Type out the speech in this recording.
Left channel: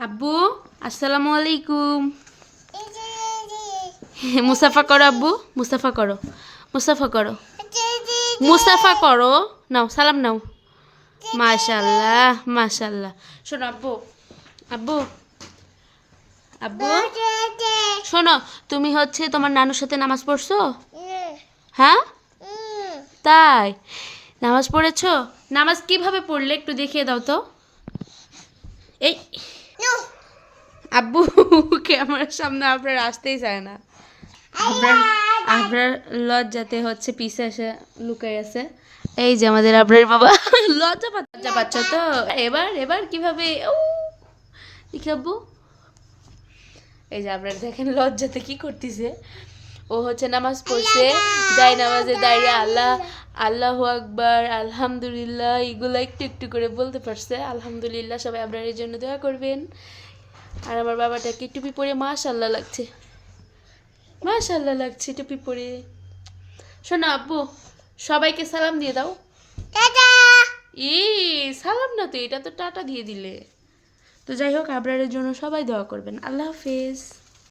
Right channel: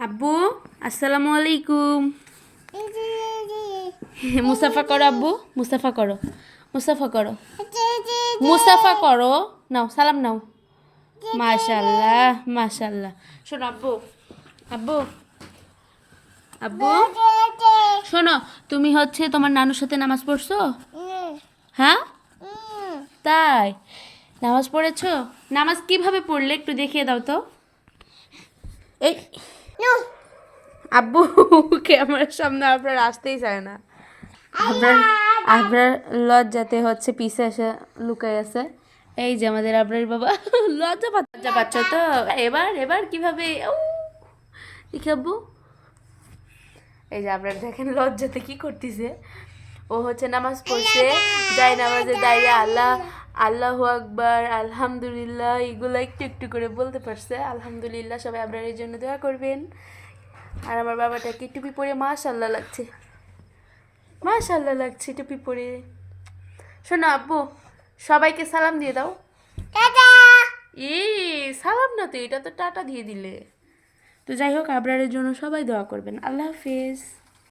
আব্বু আসসালামু আলাইকুম। মুসাফা করো আব্বু, মুসাফা করো, মুসাফা করো, মুসাফা করো। নাও সালাম নাও। মাশাল্লাহ মাশাল্লাহ। শোনো আব্বু, আব্বু, আব্বু শোনো, তুমি হচ্ছে তোমার নানুর সাথে নামাজ পড়ছো? হ্যাঁ তাই, নামাজ পড়েছো? নামাজ কিভাবে পড়লে একটু দেখিয়ে দাও তো। এই আব্বু ক্যামেরার সামনে আপনার আসতেই চায় না। আপনার আপনার লজ্জাতে হচ্ছে পিছে এসে লুকাই আছে। এই যে আমাদের আপনার বাবা লজ্জা পাচ্ছ তো। এবার এবার কিভাবে দেখি আব্বু, এই যে আপনার দেখেন লজ্জাতে কি করতেছে। ও হচ্ছে নামাজ পড়ছে, যাই নামাজে দাঁড়িয়ে আল্লাহ আল্লাহু আকবার আলহামদুলিল্লাহ এগুলো একটু একটু করে বলতে পারছে। আলহামদুলিল্লাহ, সবাই আপনার এই জন্য দোয়া করবেন। আর আমার বাবাটাকে টুপি পরে মাশাল্লাহ লাগছে, মাশাল্লাহ লাগছে টুপি পরে। শোনো আব্বু, সবাইকে সালাম দিয়ে দাও। ই সালাম না তো, এটা তো টাটা দিয়ে দিলে। তো যাই হোক, আবরারের জন্য সবাই দোয়া করবেন। আল্লাহ হাফেজ।